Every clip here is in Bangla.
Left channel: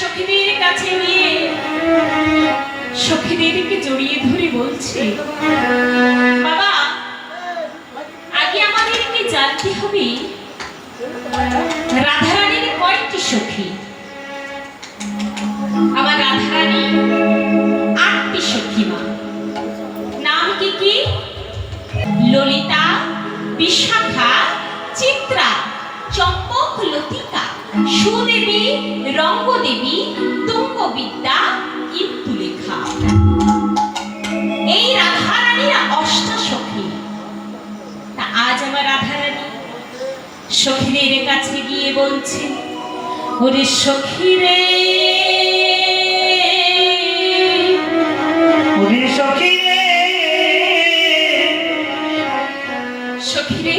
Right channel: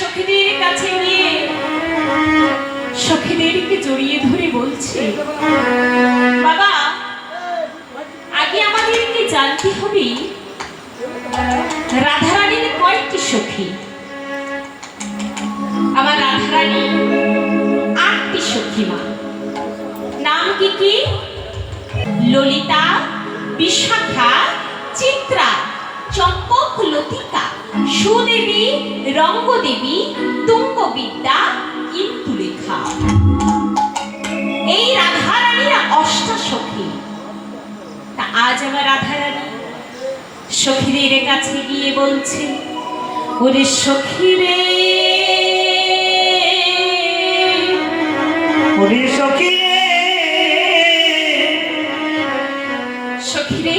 সখীদের কাছে গিয়ে সখীদেরকে জড়িয়ে ধরে বলছে, বাবা আগে আমাদেরকে জানতে হবে রাধারানীর কয়েকটি সখী। আমার রাধারানী 8টি সখী মা। নাম কি কি? ললিতা, বিশাখা, চিত্রা, চম্পক, লতিকা, সুদেবী, রঙ্গদেবী, তুঙ্গবিদ্যা, ইন্দুলেখা। এই রাধারানীর 8টা সখী। তা আজ আমার রাধারানী সখীদের কাছে গিয়ে বলছে, ওরে সখী রে, ওরে সখী রে, সখী রে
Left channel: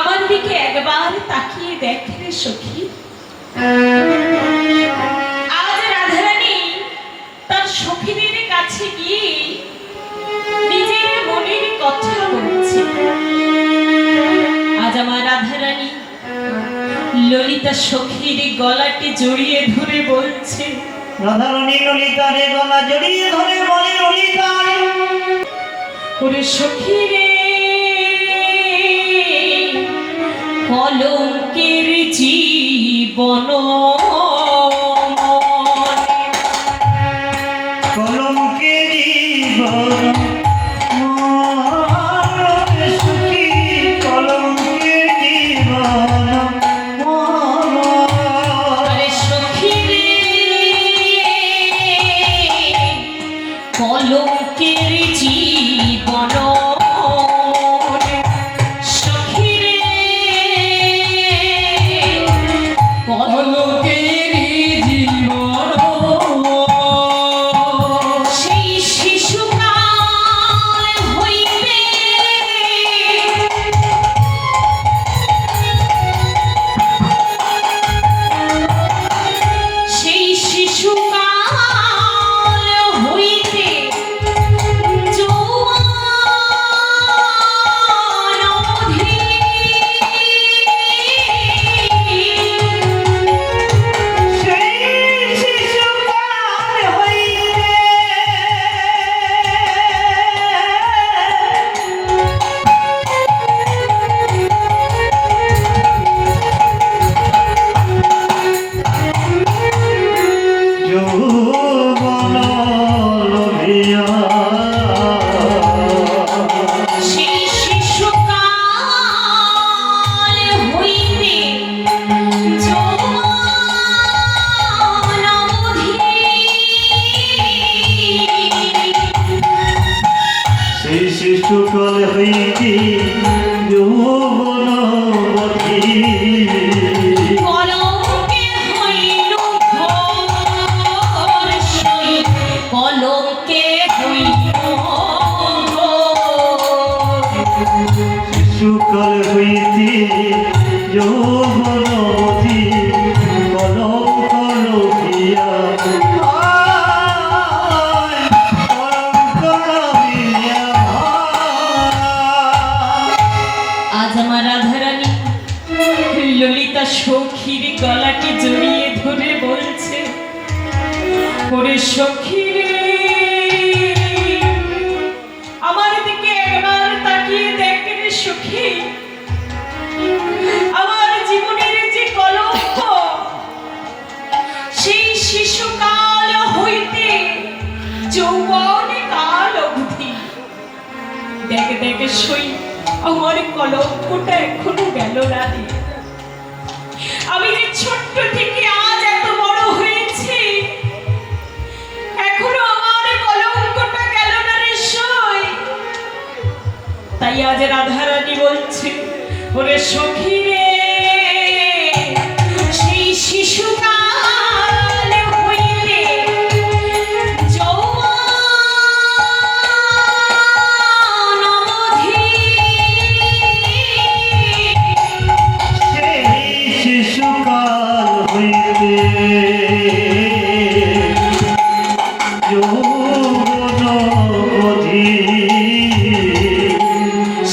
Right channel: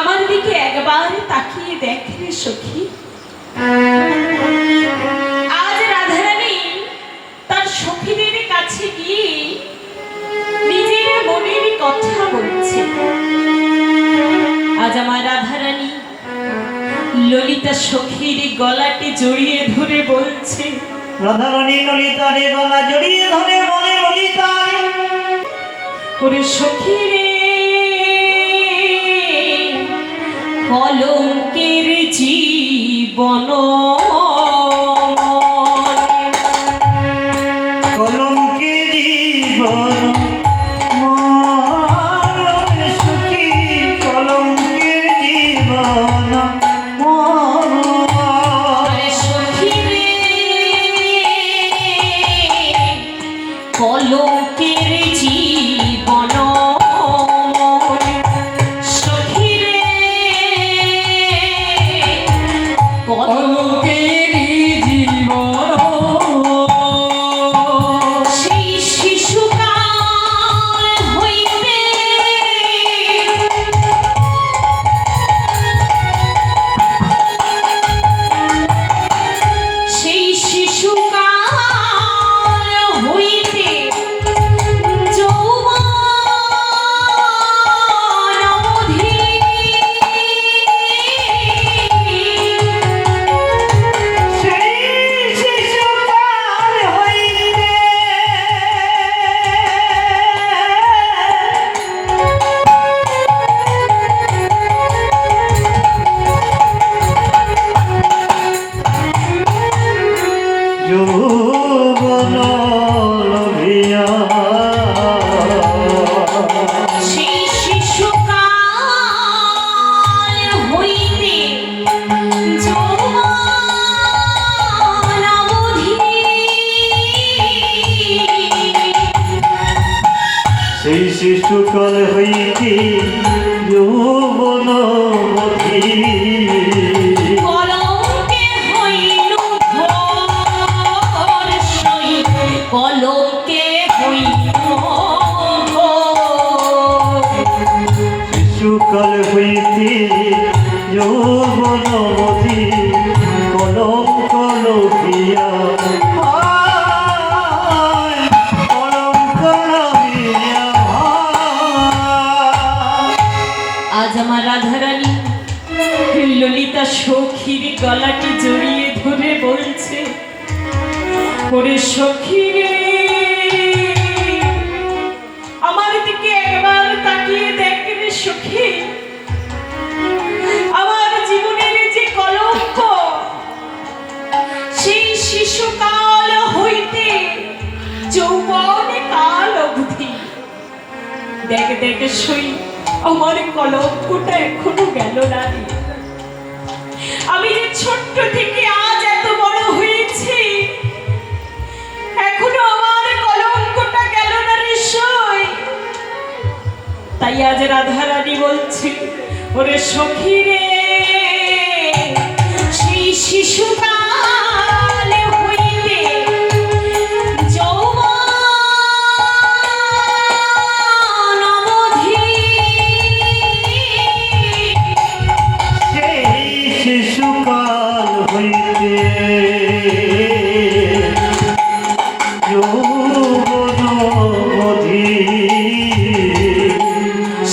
আমার দিকে একবার তাকিয়ে দেখ রে সখী। আজ রাধারানী তার সখীদের কাছে গিয়ে নিজের মনের কথা বলছে। আজ আমার রাধারানী ললিতা সখীর গলাটি জড়িয়ে ধরে বলছে, রাধারানী ললিতারে গলা জড়িয়ে ধরে বলে, ললিতা ওরে সখী রে, কলঙ্কের জীবন, কলঙ্কে জীবন, সুখী কলঙ্কে জীবন। ওরে সখী রে, কলঙ্কের জীবন, সখী রে, কলঙ্কের জীবন। সেই শিশুকাল হইতে সেই শিশুকাল হইতে যৌবন অবধি সেই শিশুকাল হইতে যৌবন লভিয়া, সেই শিশুকাল হইতে যৌবন অবধি সেই শিশুকাল হইতে যৌবন অবধি, কলঙ্কে হইল ঘোর, সেই কলঙ্কে হইল ঘোর। শিশুকাল হইতে যৌবন অবধি, কলঙ্ক লভিয়া, কলঙ্ক লভিয়া। আজ আমার রাধারানী ললিতা সখীর গলাটি জড়িয়ে ধরে বলছে, ওরে সখী রে, আমার দিকে একবার তাকিয়ে দেখ রে সখী। আমার জীবনের যে কলঙ্ক, সেই শিশুকাল হইতে যৌবনে কাল অবধি, দেখ দেখ সই আমার কলঙ্কটা এখনো গেল না রে। আমি যে ছোট্ট থেকে আজ এত বড় হয়েছি, এখনো আমার কলঙ্কটা গেল না রে সই। তাই আজ রাধারানী বলছে, ওরে সখী রে, সেই শিশুকাল হইতে যৌবন অবধি সেই শিশুকাল হইতে যৌবন অবধি,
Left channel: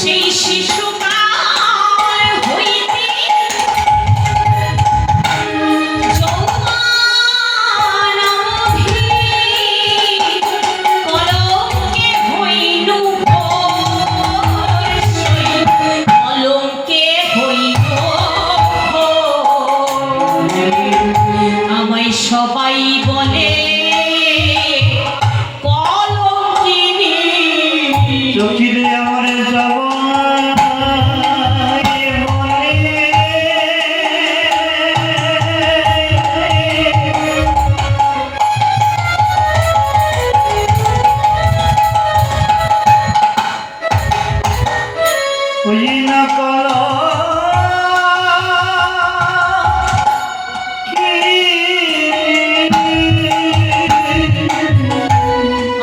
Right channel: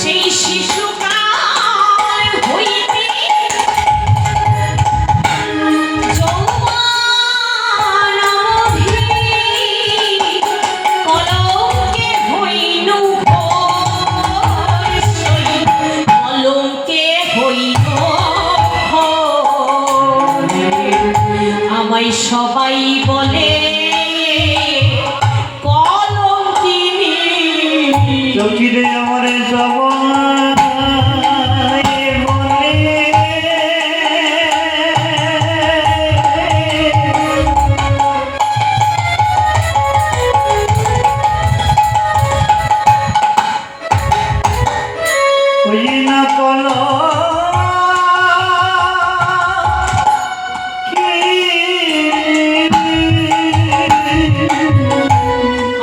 সেই শিশুকাল হইতে যৌবন সবাই বলে কলঙ্কিনী। চোখিরে আমার সবাই বলে ওই না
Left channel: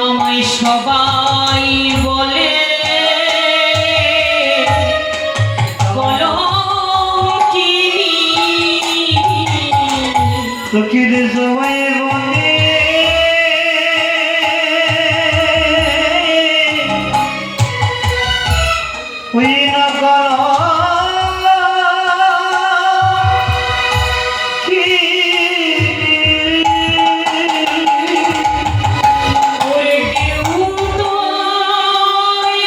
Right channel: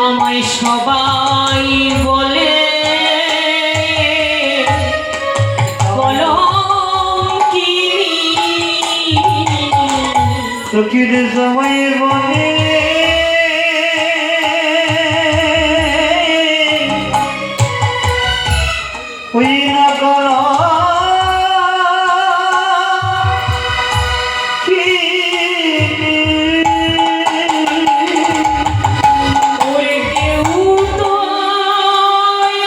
আমায় সবাই বলে কলঙ্কিনী। চোখিরে সবাই বলে ওই না ওরে কেউ তো আমায়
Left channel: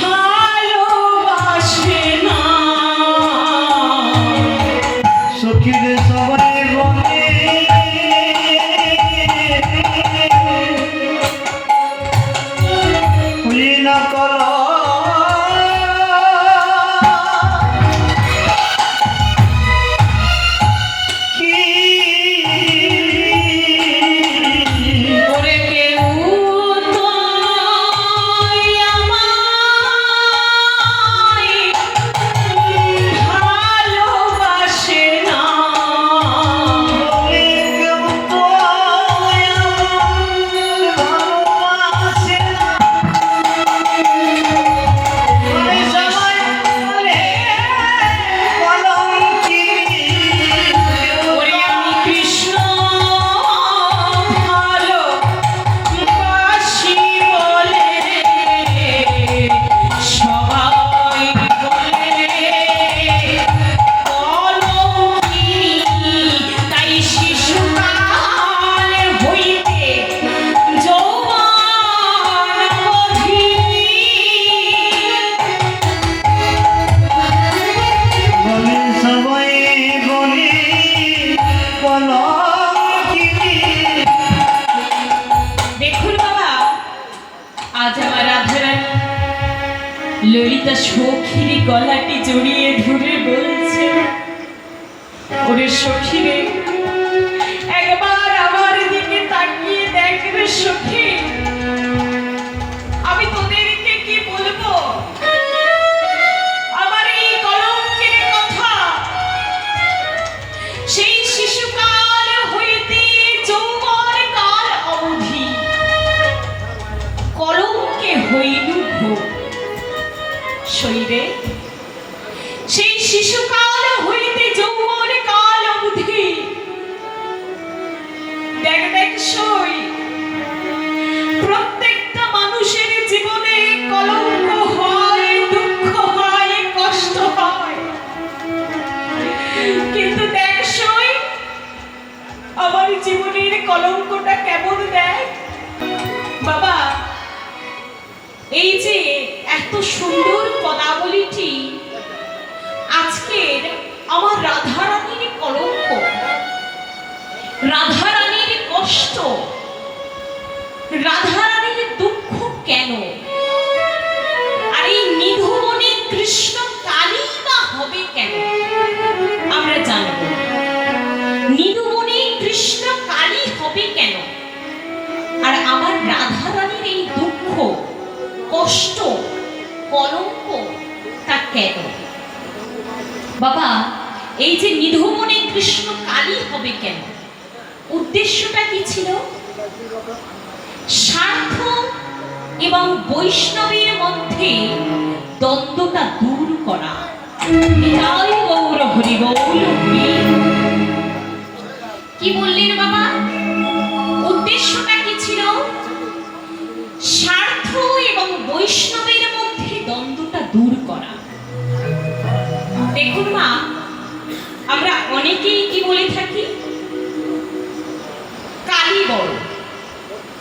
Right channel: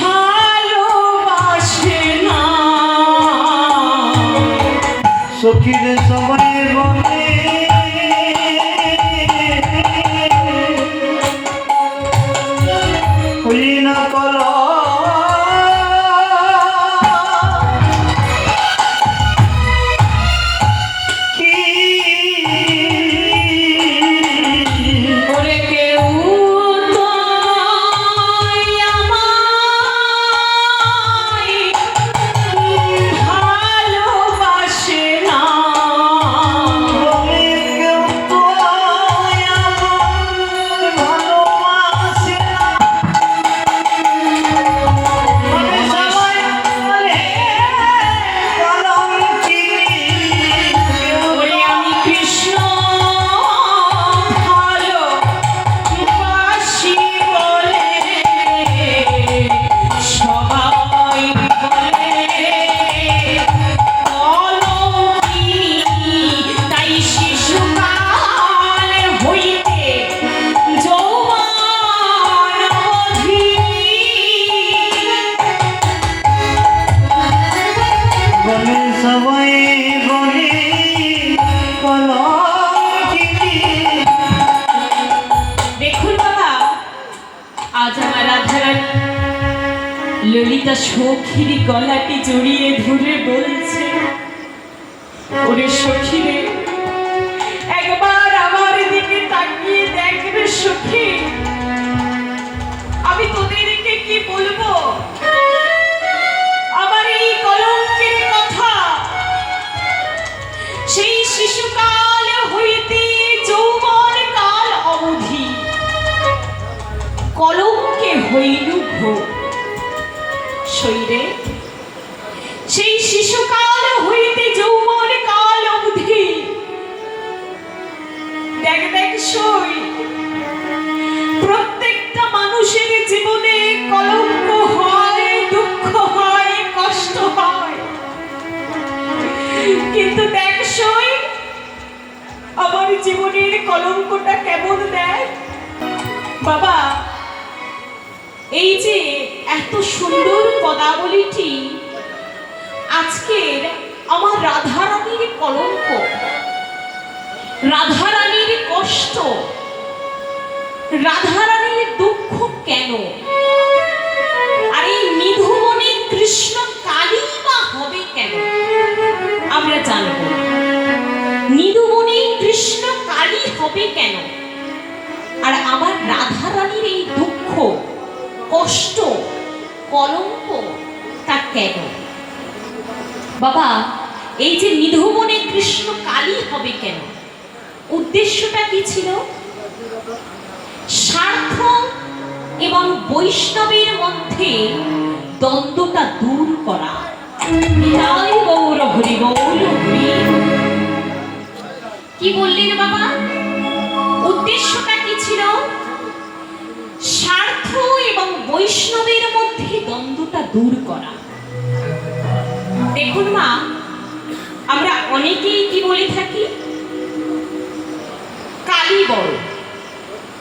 ভালোবাসে না। সখীরে সবাই বলে ওই না ওরে কেউ তো আমায় ভালোবাসে না। ওরে আমি কৃষ্ণ ভালোবাসি বলে সবাই বলে কলঙ্কিনী। তাই শিশুকাল হইতে যৌবন অবধি সবাই বলে দেখুন বাবা, আজ আমার রাধারানী ললিতা সখীর গলাটি জড়িয়ে ধরে বলছে, ওরে সখীরে একবার আমার দিকে তাকিয়ে দেখ রে সখী, আমি তোদেরকে কি বলবো আমার এই কলঙ্কের কথা। সেই শিশুকাল হইতে যৌবন কাল অবধি কলঙ্কে হইল ভোগ। শৈরে সেই শিশুকাল হইতে যৌবন কাল অবধি দেখ দেখ সই প্রত্যেকটা মানুষের জীবনে কলঙ্ক হয়, দুঃখ হয়, কষ্ট হয়। কিন্তু দেখ সই আমার জীবনের কলঙ্কটা কেমন দেয় বাবা। এই যে এত সুন্দর পদাবলীটি আজকের আমার রাধারানীর কলঙ্ক, রাধারানীর কষ্ট, রাধারানীর দুঃখ কেন? আর এই নিধুমনে কৃষ্ণ কালী বা হবে কেন আমরা জানব। নিধুমনে কৃষ্ণ কালী হবে কেন? আর আমার রাধারানীর এই দুঃখ, কষ্ট, কলঙ্ক তা কেন? বাবা, এই যে নিধুমনে কৃষ্ণ কালী হবে কেন, উদ্দেশ্যটা কি ছিল? স্বার্থ এবং বৈষ্ণবের মধ্যে দ্বন্দ্বটা দূর করা। নিতাই গৌর হরি গৌর হরি। কি বললেন বাবা? উদ্দেশ্যটা কি ছিল? স্বার্থ এবং বৈষ্ণবের মধ্যে দ্বন্দ্বটা দূর করা। দেখুন মা, আমরা অনেকেই কি বলে থাকি, কালী বড়,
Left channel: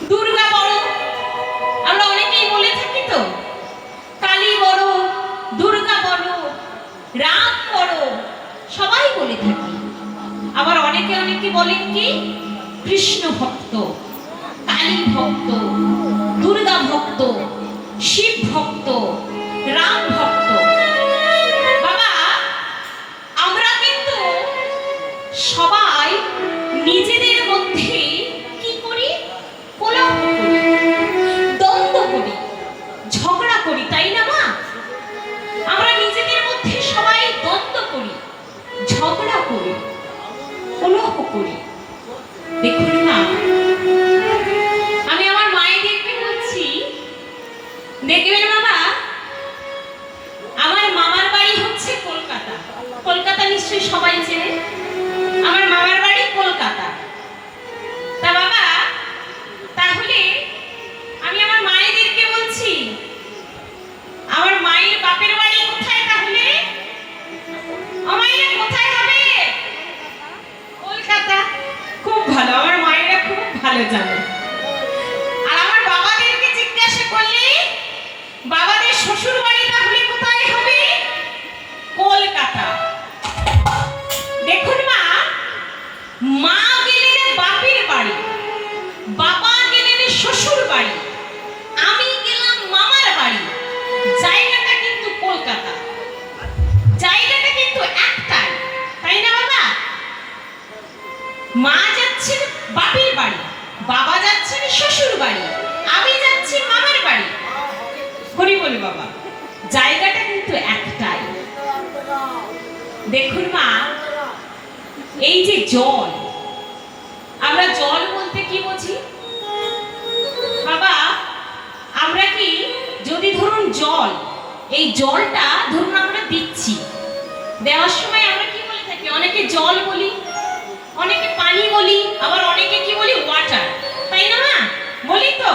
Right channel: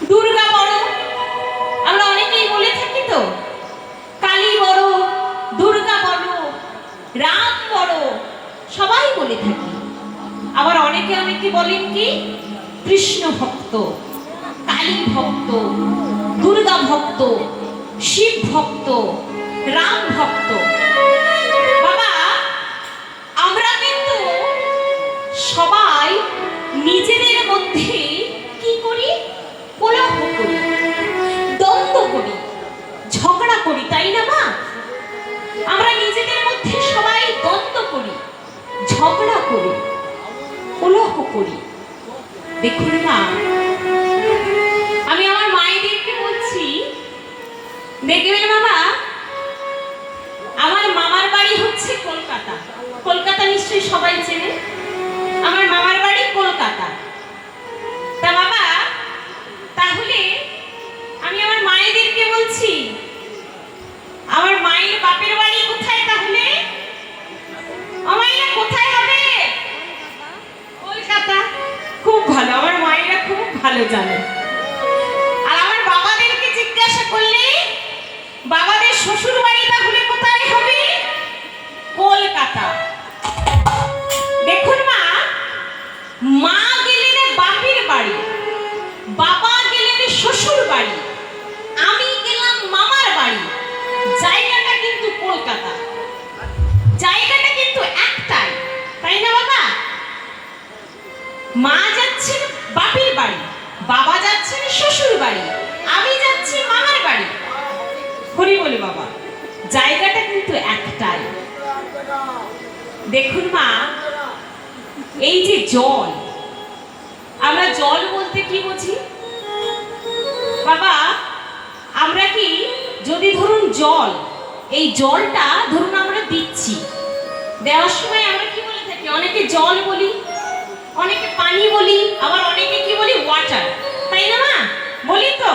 দুর্গা বড়। আমরা অনেকেই বলে থাকি তো, কালী বড়, দুর্গা বড়, রাম বড়, বলে থাকি। আবার অনেকে বলেন কি কৃষ্ণ ভক্ত, কালী ভক্ত, দুর্গা ভক্ত, শিব ভক্ত, রাম ভক্ত। বাবা, আমরা কিন্তু সবাই নিজেদের মধ্যে কি করি? কলহ করি, দ্বন্দ্ব করি, ঝগড়া করি, তাই না মা? আমরা নিজেদের মধ্যে সবাই দ্বন্দ্ব করি, ঝগড়া করি, কলহ করি। দেখুন মা, আমি আমার মায়েদেরকে বলছি, দেখবেন বাবা, আমার মামার বাড়ি হচ্ছে কলকাতা। কলকাতা নিশ্চয়ই সবাই চেনে। আমার মামার বাড়ি কলকাতা। তা বাবা, তাহলে আমি আমার মায়েদেরকে বলছি, আমার মায়ের বাপের বাড়ি কোথায়? তাহলে আমাইরা কোথায় হবে? কলকাতা। খুব ভালো, আমার মায়েরা খুব ভালো জানে। আর আমার বাবাদেরকে জিজ্ঞাসা করলে বাবাদের শ্বশুর বাড়ি তাহলে কোথায় হবে? কলকাতা। দেখুন মা, মা গেলেন বাপের বাড়ি, বাবা গেলেন শ্বশুর বাড়ি, আমি গেলাম মামার বাড়ি। জায়গাটা কিন্তু কলকাতা, জায়গাটা কিন্তু একটাই, তাই না বাবা? মা যাচ্ছেন বাপের বাড়ি, বাবা যাচ্ছেন শ্বশুর বাড়ি, আমি যাচ্ছি মামার বাড়ি। হরি বলে বাবা, জায়গাটা কিন্তু একটাই। দেখুন মা, এই যে জল, আমরা জল বলতে কি বুঝি বাবা? আমরা কি, যদি ধরুন জল, এই জলটা ধরুন আমরা দিচ্ছি, দেওয়ার সময় আমরা কি বলে থাকি? অনেকে জল বলি, অনেকে পানি বলি, আবার অনেকে কি বলি? ওয়াটার, তাই না মা? বলি তো।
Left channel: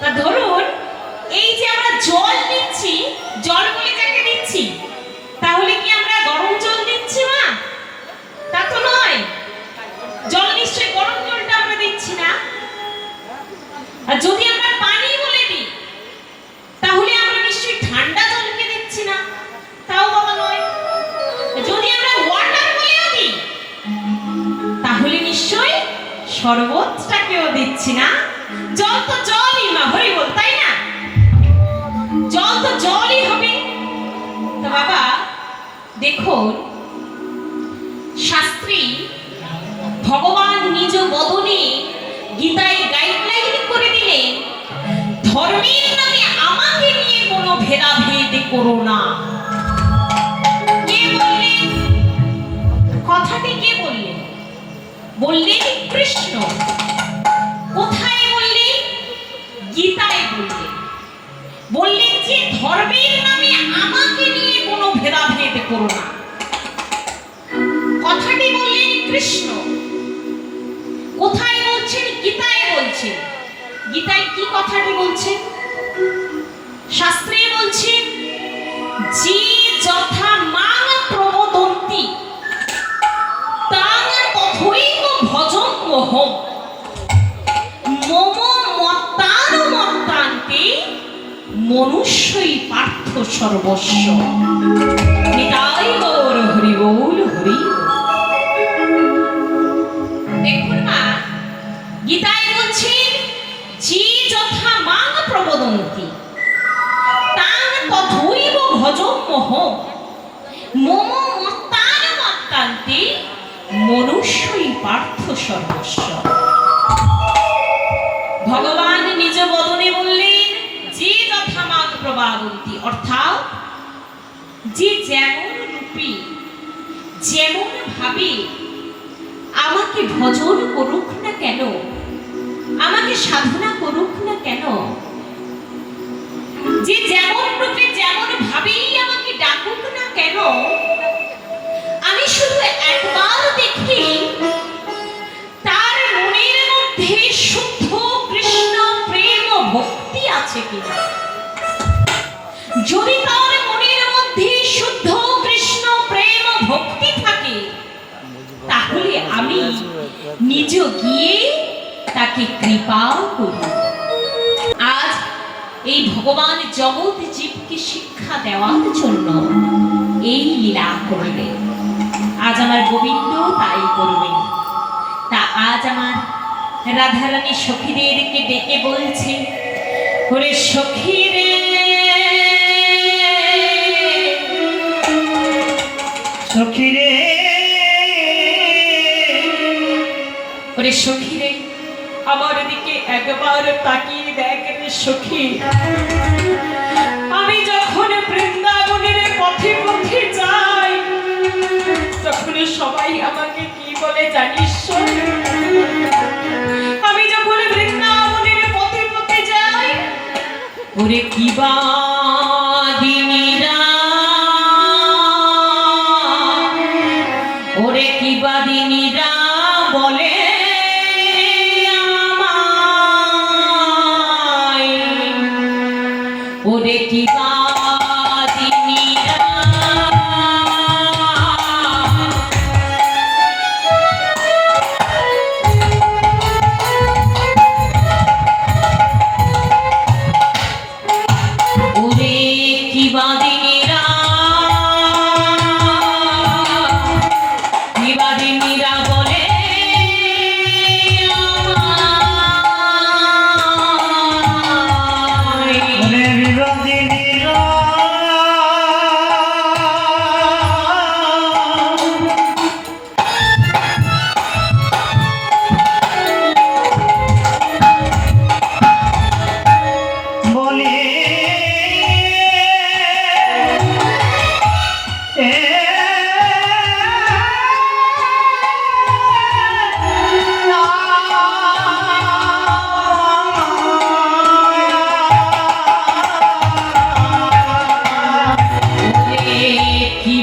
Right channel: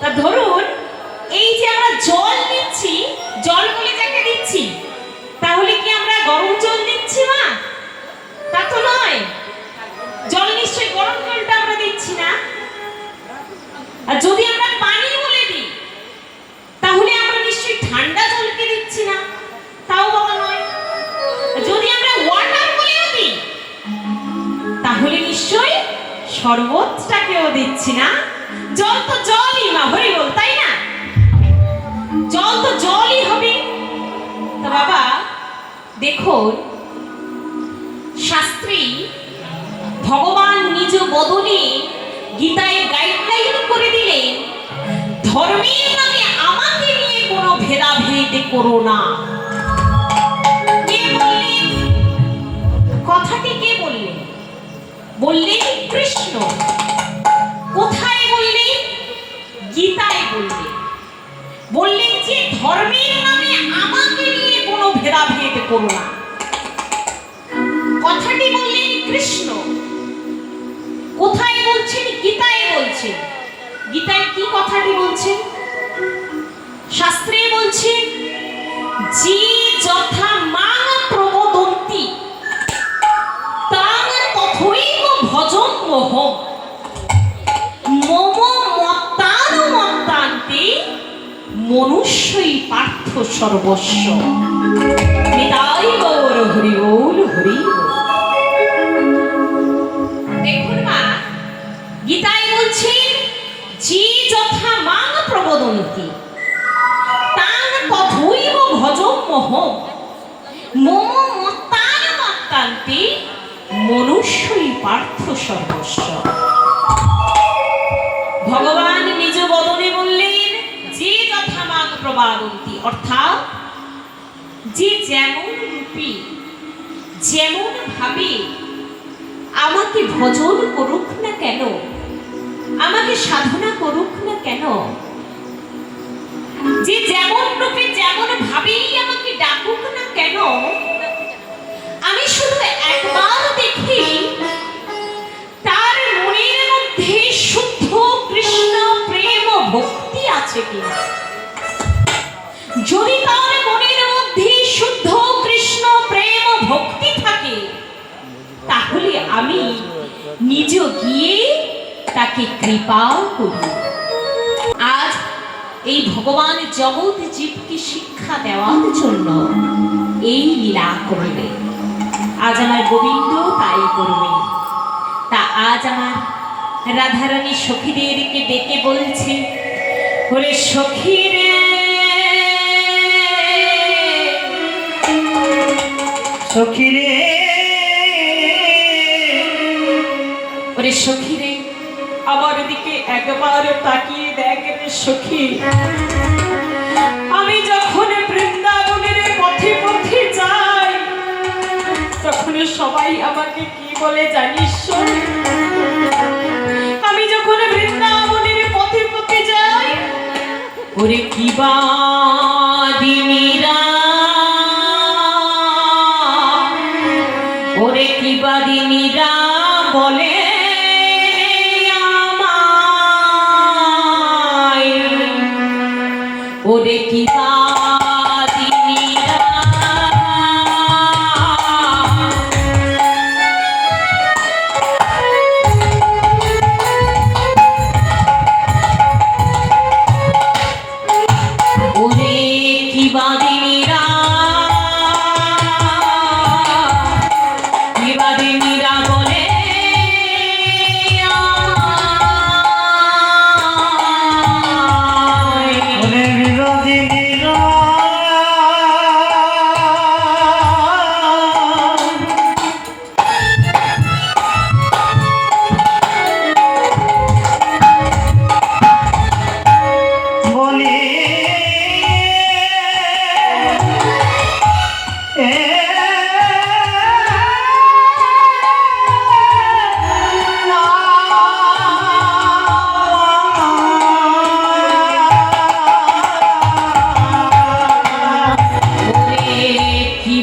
তা ধরুন এই যে আমরা জল দিচ্ছি, জল বলে যাকে দিচ্ছি, তাহলে কি আমরা গরম জল দিচ্ছি মা? তা তো নয়। জল নিশ্চয়ই গরম জলটা আমরা দিচ্ছি না। আর যদি আমরা পানি বলে দিই, তাহলে আমরা নিশ্চয়ই ঠান্ডা জলকে দিচ্ছি না, তাও বাবা নয়। যদি আমরা ওয়াটার বলেও দিই, তাহলে নিশ্চয়ই শরবতটাকেও দিচ্ছি না। জল তো জলই মা, হরি বল, তাই না? জল তো জলই হবে। তো বাবা দেখুন, শাস্ত্রী ভগবান নিজ বদনে গীতায় গাইডলাইন করে দিলেন, ধর্মের নামে আমাকে নিয়ে কোনো ভেদাভেদ করো না। কে বললেন কথাটি? কে বললেন? বললেন কৃষ্ণ। কোথায় বললেন? গীতায় বললেন। বললেন যে ধর্মের নামে আমাকে নিয়ে কোনো ভেদাভেদ করো না। কথাটি বললেন কৃষ্ণ। কোথায় বলছেন? গীতায় বলছেন। গীতায় কি কথাটি বলছেন? শাস্ত্রে বলছেন, যে যথা মান প্রবদন্তি তাং তথৈব ভজন্মহম মম মত্তানুমত্তান্তে মনুষ্যই পার্থ সর্বস্ব। নিতাই গৌর হরি বল, হরি বল। দেখুন মা, গীতায় বলছেন, যে যথা মান প্রবদন্তি তাং তথৈব ভজন্মহম মম মত্তানুমত্তান্তে মনুষ্যই পার্থ সর্বস্ব। ভগবান নিজ বদনে বললেন, যে যথা মান প্রবদন্তি, অর্থাৎ যে যেমন রূপে, যেমন ভাবে আমাকে ভজন করুক না কেন, আমাকে সাধনা করুক না কেন, যে যেমন রূপে যেমন ভাবেই আমাকে ডাকুক না কেন, আমি শুধু একবার দেখি তার মনের মধ্যে শুদ্ধ কৃষ্ণ প্রেম ভক্তি আছে কিনা। যদি তার মনের মধ্যে শুদ্ধ কৃষ্ণ প্রেম ভক্তি থাকে, তাহলে আমি নিজ গিয়ে তাকে কৃপা করি। আজ এই ভগবান জগৎ জীবকে শিক্ষা দেওয়ার জন্য এই লীলা করিলেন। আর গোবিন্দ তাই করবে। তা আজ আমার রাধারানী সখীদেরকে ডেকে বলছে, ওরে সখী রে, সখী রে, ওরে সখী রে, আমার দিকে একবার তাকিয়ে দেখ রে সখী। আমি যখন বৃন্দাবনের পথে পথে যাই, তখন সবাই আমাকে কি বলে জানিস শোন? আমি যখন বৃন্দাবনের পথে পথে যাই, ওরে কি বাদিনীরা, ওরে কি বাদিনীরা বলে আমায়, ওরে কি বাদিনীরা, ওরে কি বাদিনীরা, কি বাদিনীরা বলে আমায়, ওরে বিবাদিনীরা, বলে ওরে কি